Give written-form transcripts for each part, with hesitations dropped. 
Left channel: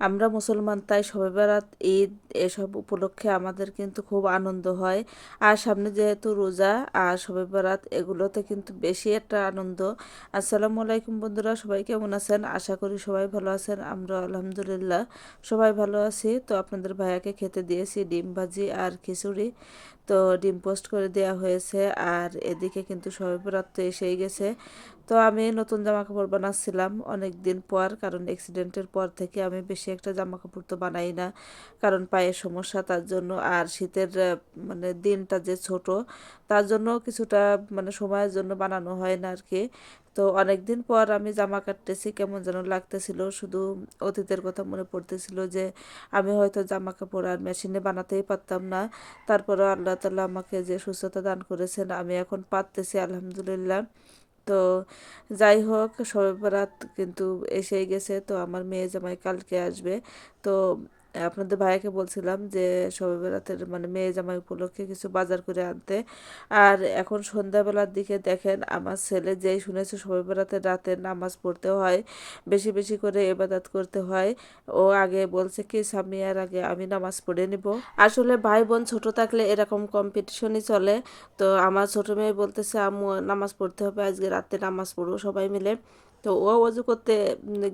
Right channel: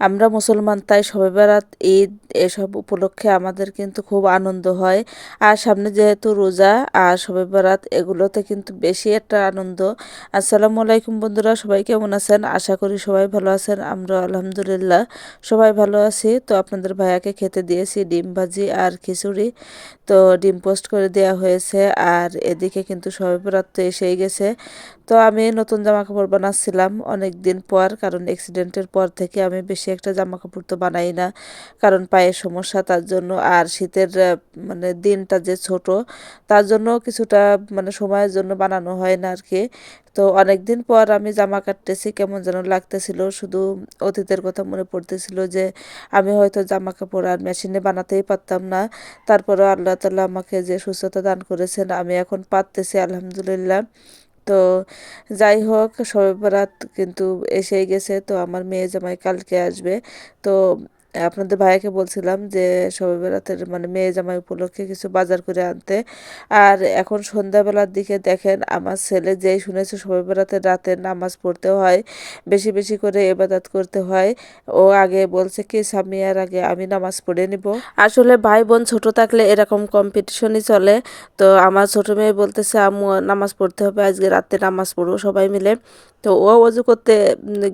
আমরা মুসলমান, তাই শবে বরাত, ঈদ এসব উপলক্ষে আমাদের কিন্তু খুব আনন্দ হয়। আর সামনে যেহেতু রোজা আর শবে বরাত, এগুলোতে কিন্তু বেশি একটা আনন্দ। আসসালামু আলাইকুম বন্ধুরা, সবাই কেমন আছেন? আশা করি সবাই ভালো আছেন। আমরা আলহামদুলিল্লাহ সবাই ভালো আছি। তো আপনাদের ভাইয়াকে খেতে দিয়েছি ডিম ভাজি আর খিচুড়ি। তো ডিম পোস্ট করে দেওয়া হয়েছে। আর এদিকে কিন্তু শবে বরাত তো এসেই গেছে। তো আমি নতুন জামা কাপড় বানাচ্ছিলাম অনেক দিন পর, কারণ অ্যাক্সিডেন্টের পর থেকে আমি বেশি একটা জামা কাপড় তো বানাই না, কারণ পায়ের সমস্যা তার জন্য। আর শীতের মানে দিনটা যে ছোট, তার জন্য কিছুটা মানে সময়ের জন্য বানানো হয় না আর কি। তো অনেক দিন পর আমি জামা কাটতেছি, কেমন যেন লাগতেছিল, শুধু অতীতের কথা মনে পড়তেছিল যে আমি হয়তো জামা কাপড় আর মেশিনে বানাতেই পারতাম না। তারপরে আল্লাহ তাআলা আমাকে যে সুস্থতা দান করেছেন, আমি এখন পারতেছি আলহামদুলিল্লাহ। তো যাই হোক, শবে বরাত কিন্তু এসেই গেছে। তো আমার মেয়ে জামাই কালকে আসবে। তো আপনাদের ভাইয়াকে বলছিলাম যে শবে বরাতের মানে মেয়ে জামাই উপলক্ষে কিছু বাজার করে আনতে। আর এখন সন্ধ্যাবেলার দিকে দেখেন, আমার ছেলে যেই শুনেছে শবে বরাতের রাতে নামাজ পড়তে হয়, বেশি বেশি করে ইবাদত করতে হয়, ও আগে বলছে কি সামিয়ার আগে আমি নামাজ পড়ে নিব। আসলে ভাই বোন ছোট থাকলে এরকম কম্পিটিশনই চলে। তো আমার ছোট মেয়ে বলতেছে আম্মু নামাজ পড়তে হবে, আজকে রাতে নামাজ পড়বো সবাই মিলে। তো ও অজু করতে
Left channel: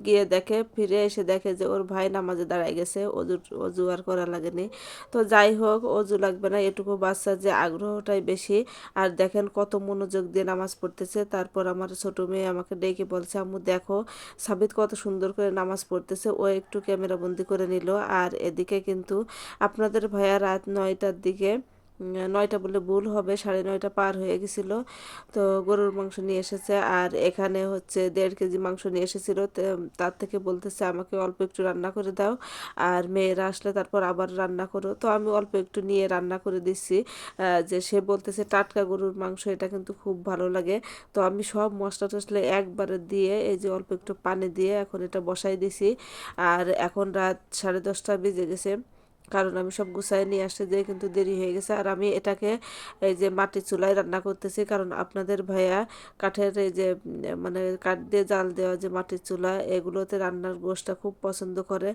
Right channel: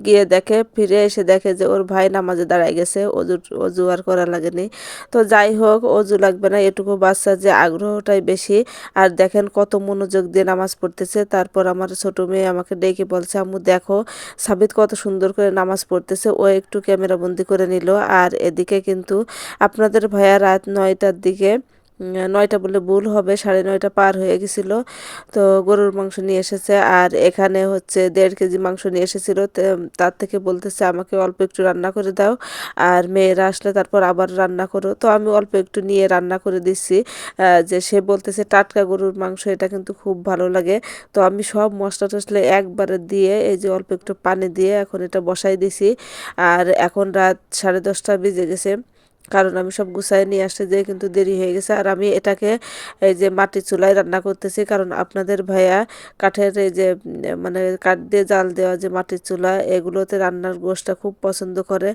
গিয়ে দেখে, ফিরে এসে দেখে যে ওর ভাই নামাজে দাঁড়ায় গেছে, অজু অজু আর করা লাগেনি। তো যাই হোক, অজু লাগবে না, এটুকু বাচ্চা যে আগ্রহটাই বেশি। আর দেখেন কত মনোযোগ দিয়ে নামাজ পড়তেছে। তারপর আমার ছোট মেয়ে আমাকে ডেকে বলছে আম্মু দেখো সাবিত কত সুন্দর করে নামাজ পড়তেছে। ও একটু ক্যামেরা বন্দি করে নিল। আর এদিকে কিন্তু আপনাদের ভাইয়া রাত 9টার দিকে, 9টা বলে ভুল হবে, 9:30 পার হয়ে গেছিল। তো গরুর মাংস নিয়ে এসেছে। আর এখানে হচ্ছে 1.5 কেজি মাংস নিয়ে এসেছিল। তার থেকে বলতেছে আমাকে অল্প একটু রান্না করে দাও, আর মেয়েরা আসলে তারপর আবার রান্না করো। তো আমি অল্প একটু নিয়ে রান্না করে দিচ্ছি। যে সে বলতেছে টাটকা গরুর মাংস, এটা কিন্তু খুব ভালো লাগে। তো আমি সব মশলা টশলা একবারে দিয়ে, এই যে অল্প একটু পানি দিয়ে এখন এটা বসাই দিছি। আর এখন রাত 10:30 বেজে গেছে, কারণ আমি সব গুছাই নিয়ে আসতে যেয়ে কিন্তু দেরি হয়ে গেছে। আর আমি এটাকে এই যে মাটির চুলায় রান্না করতেছি, কারণ আপনাদের ভাইয়া কাঠের এই যে মানে কাঠ দিয়ে জাল দেওয়া যে মাটির চুলা, এগুলোতে রান্নার গোশটা খুব পছন্দ করে।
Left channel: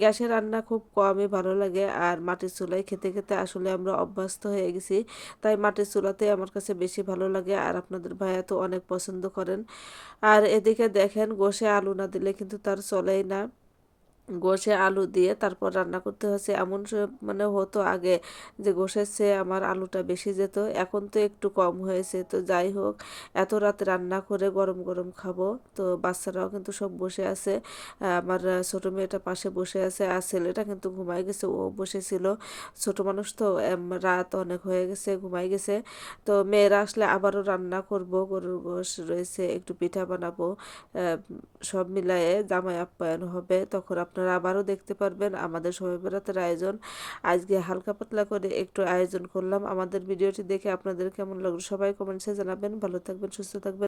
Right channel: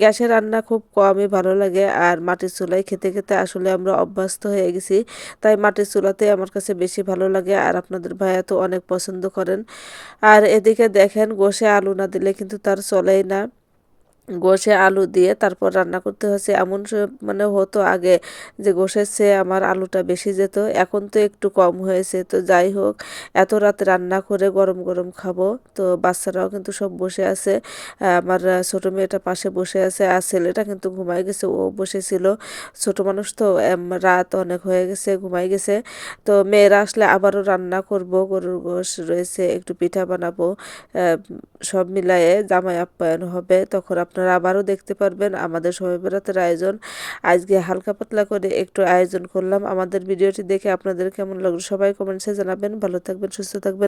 গ্যাসে রান্না খুব কমই ভালো লাগে, আর মাটির চুলায় খেতে খেতে আসলে আমরা অভ্যস্ত হয়ে গেছি। তাই মাটির চুলাতে আমার কাছে বেশি ভালো লাগে, আর আপনাদের ভাইয়া তো অনেক পছন্দ করেন। আর এদিকে দেখেন, গোশে আলু না দিলে কিন্তু তার চলেই না। গোশে আলু দিয়ে তারপর রান্না করতে হচ্ছে। এমন মানে হতো আগে যে গোশের চেয়ে আমার আলুটা বেশি যেত, এখন তো একটু কম হয়েছে। তো যাই হোক, এত রাতে রান্না করে গরম গরম খাবো। তো বাচ্চারাও কিন্তু সব বসে আছে। আমার ছোট মেয়েটা পাশে বসে আছে, আর ছেলেটা কিন্তু ঘুমাই গেছে, ও বসেছিল। ছোট মানুষ তো রাত অনেক হয়ে গেছে, ঘুমাই গেছে। তো মেয়েরা আসলে আবারও রান্না করব, গরুর গোশ রয়েছে, একটু পিঠা বানাবো। আহ, সব মিলায়ে জামাই আপ্যায়ন হবে, তখন আপনারা আবারও দেখতে পারবেন আমাদের শবে বরাতের আয়োজন। আজকে হালকা পাতলা করে একটু আয়োজন করলাম। আমাদের ভিডিওটি দেখে আপনাদের কেমন লাগলো সবাই কমেন্টসে জানাবেন। ভালো থাকবেন, সুস্থ থাকবেন।